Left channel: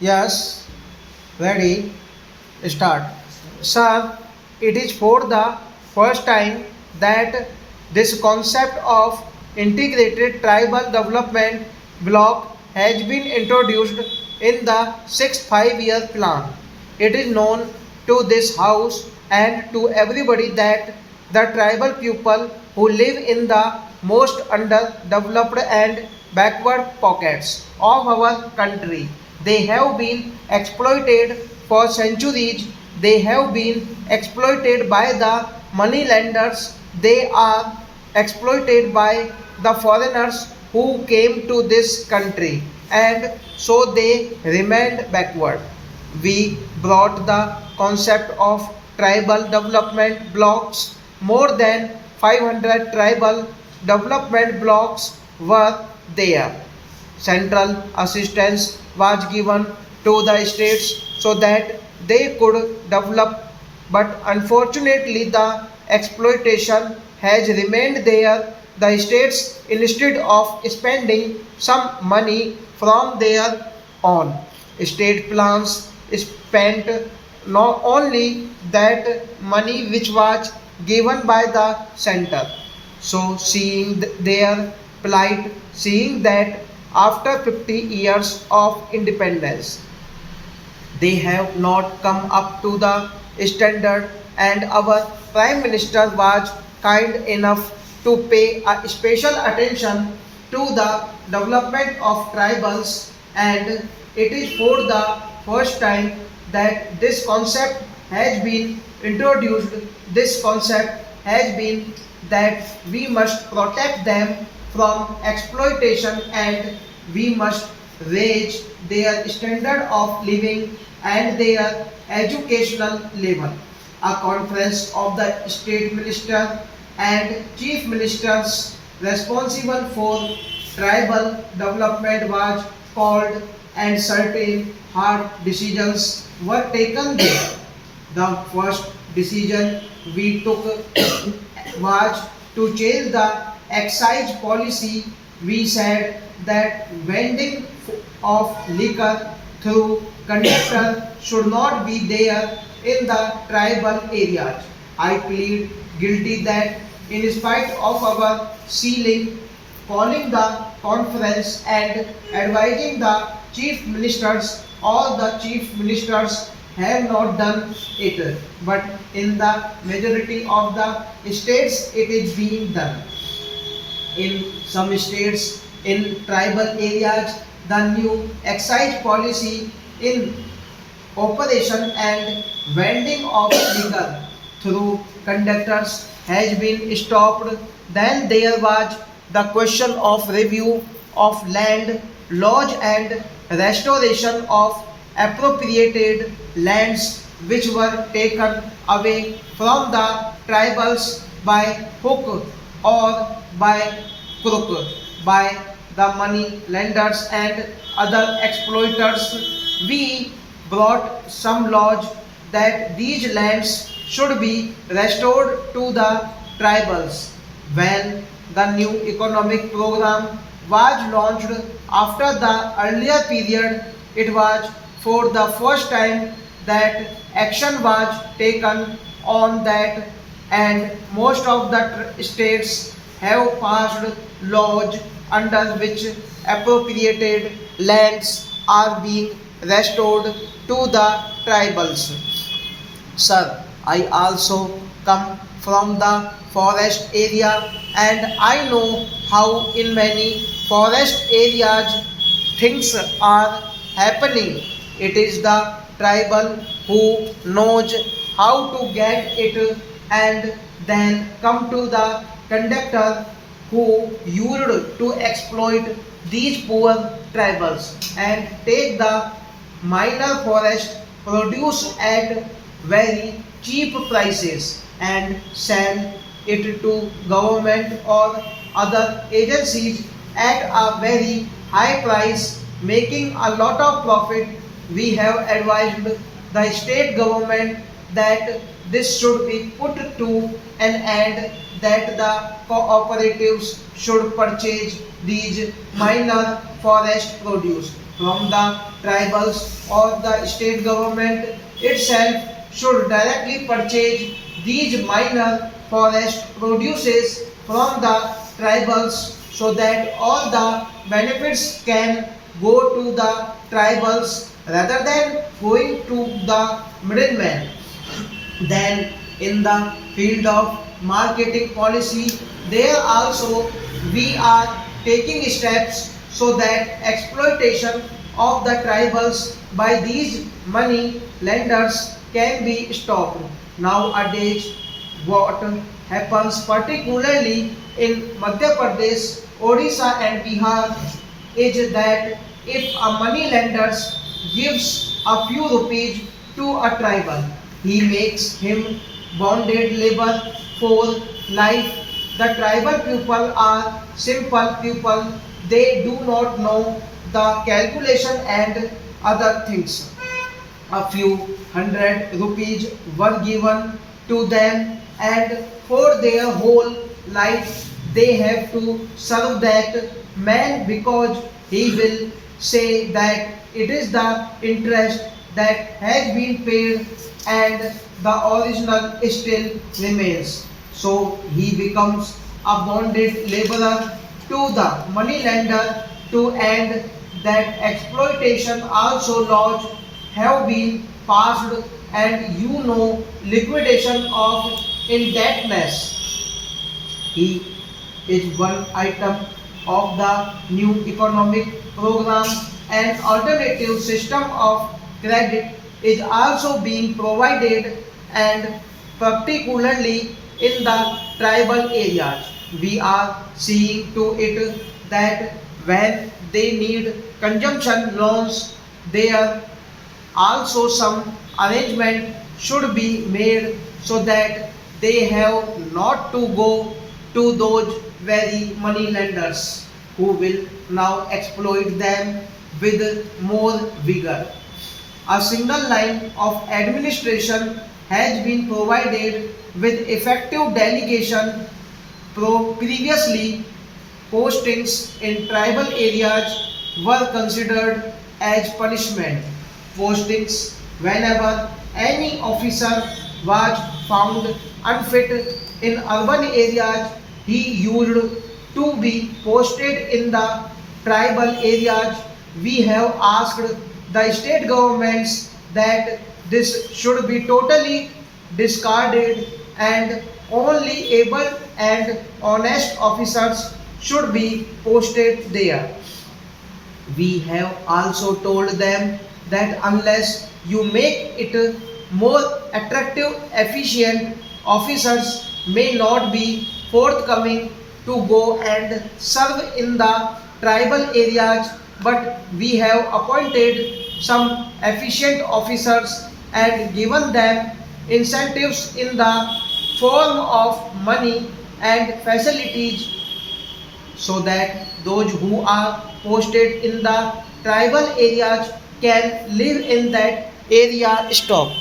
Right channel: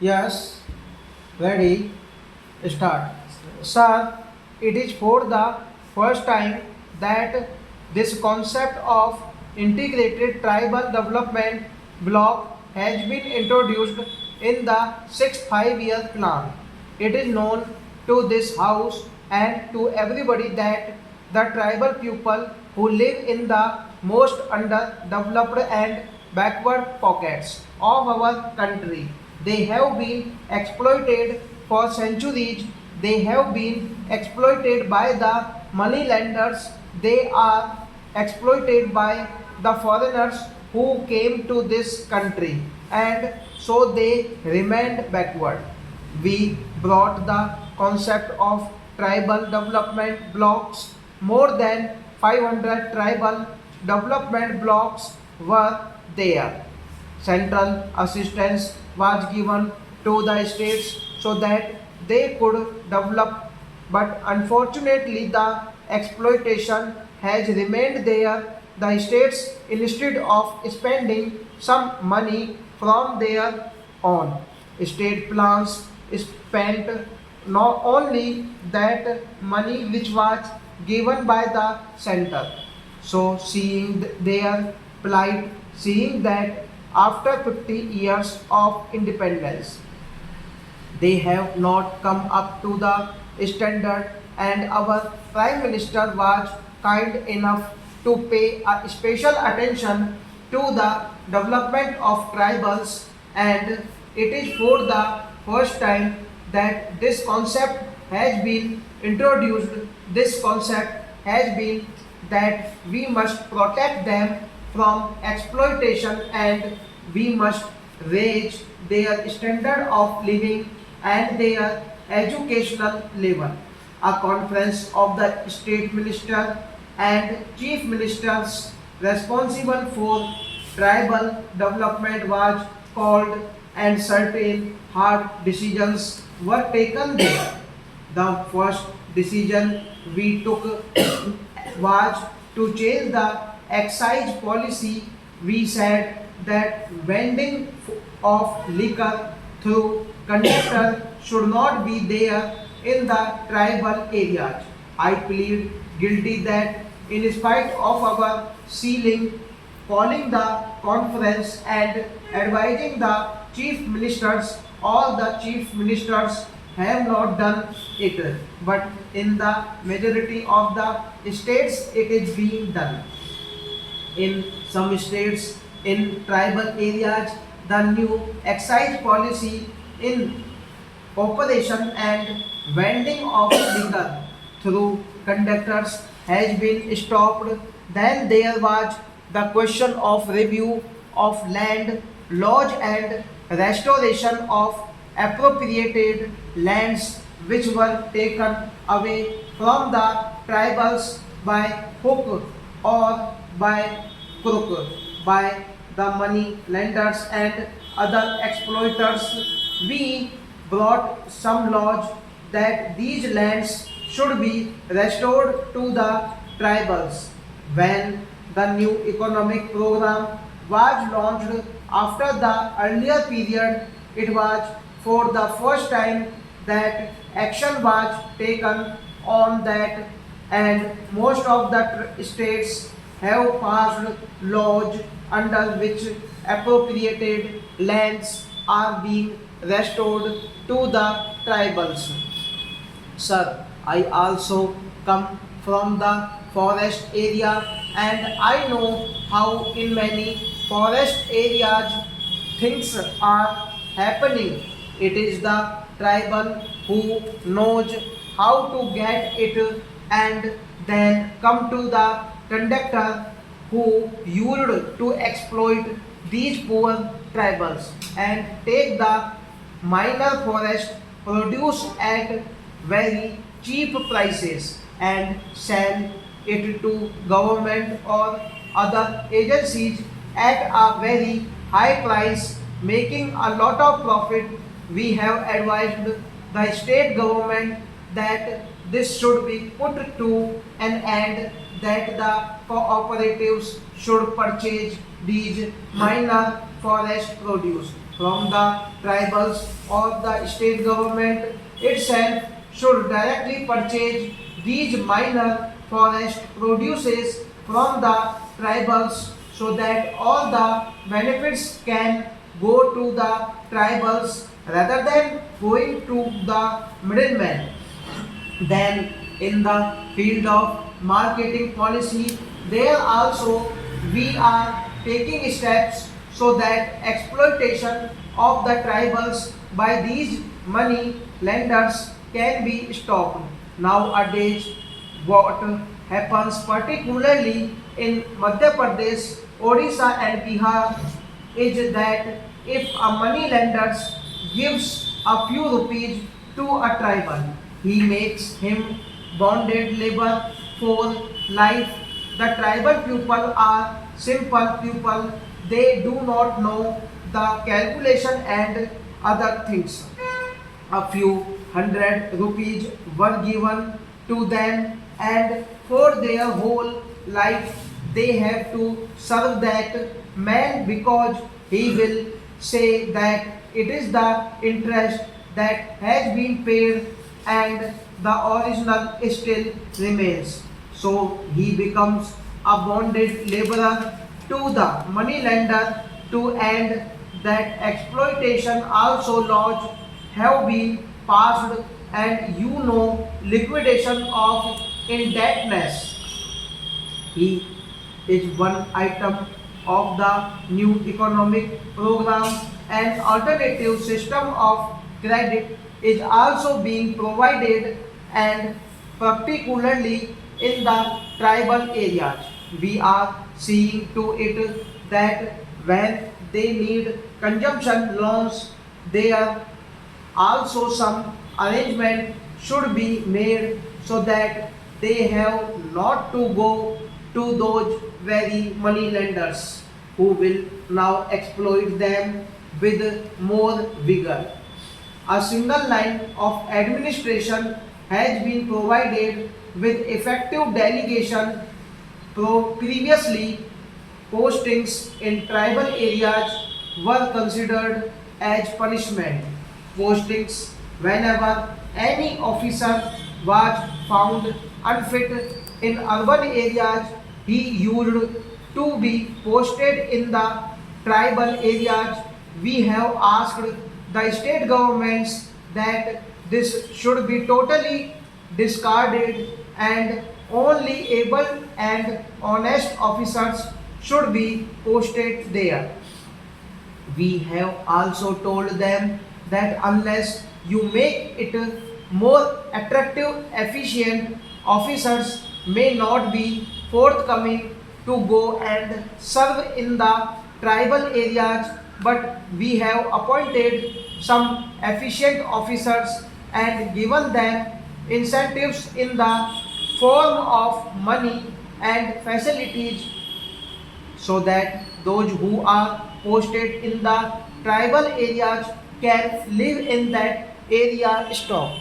Yes, ready, start. Sir, it is for the first time that this concept of integrated tribal development block has been introduced in the sixth five-year plan. It is known to this house and to everybody that the tribal people who live in the most underdeveloped and backward pockets of our country, they have been exploited for centuries. They have been exploited by the money lenders. They are exploited by the foreigners who came to this country, and so they remained backward. We brought the concept of tribal development blocks. More than 500 tribal development blocks were there. Central assistance was given to the states so that they could develop, but unfortunately the exploitation has remained there. The states, instead of spending some money from their own state plans, spent not only that money which was given by the center. So seeing their plight, seeing that after 50 years of independence they have not come up to the standard, and our prime minister was kind enough to pay a special attention to the development of tribals, and it is for the first time that this concept has been introduced. This concept has been that we must protect them from exploitation, and we must raise their standard of living and their educational level. A conference of the state minister and chief ministers responsible for tribal development was called, and certain hard decisions were taken there. The first decision we took was to change the excise policy. We said that vending of liquor through conductor should not be there in the tribal areas. I plead guilty that in spite of our sealing, calling the conference and advising the chief ministers, all the chief ministers have not done it. But in the majority of the states it is being done. In some states, in tribal areas, the new excise policy in operation and vending of liquor through conductors has been stopped. Then there was the question of review of land laws and restoration of appropriated lands which were taken away from the tribals by hook or by crook, by the money lenders and other exploiters. We brought some laws that these lands should be restored to the tribals. When the new economic program was launched after the earlier period, it was for the first time that action was taken on that, and most of the states have passed laws under which appropriated lands are being restored to the tribals. Sir, I also come from the forest area, and I know how in many forest areas things are happening. It is the tribal who knows how to get it and then come to the conductor who used to exploit these poor tribals and take the minor forest produce at very cheap prices and sell it to government or other agencies at a very high price, making a lot of profit. We have advised the state government that this should be put to an end, that the cooperatives should purchase these minor forest produce from the tribals or the state government itself should directly purchase these minor forest produces from the tribals so that all the benefits can go to the tribals rather than going to the middleman. Then in the field of marketing policy, there also we are taking steps so that exploitation of the tribals by these money lenders can be stopped. Nowadays, what happens particularly in Madhya Pradesh, Odisha and Bihar is that if a money lender gives a few rupees to a tribal, he makes him bonded labor for life. The tribal people are simple people. They do not know the calculation and other things. A few hundred rupees were given to them, and for their whole life they have to serve that man because he will say that it is the interest that has been paid and the original still remains. So he becomes a bonded laborer to the money lender to end that exploitation. Also laws have been passed, and liquidation of indebtedness, he is one item of the new economic program. An alternative system of credit is also being provided, and particularly in the tribal areas. We are seeing to it that when they need consumption loans, there also some arrangement should be made so that they have not to go to those very money lenders who will now exploit them with more vigor. A single line of administration has been provided with effective delegation. Previously, postings in tribal areas were considered as punishment. Postings whenever any officer was found unfit in urban areas, he used to be posted in the tribal areas. We have asked the state governments that this should be totally discarded, and only able and honest officers should be posted there. We have also told them that unless you make it more attractive, efficient, officers may not be forthcoming to go and serve in the tribal areas. But we have appointed some efficient officers and given them incentives in the form of money and facilities so that those who are posted in the tribal areas can live in that area. Stop.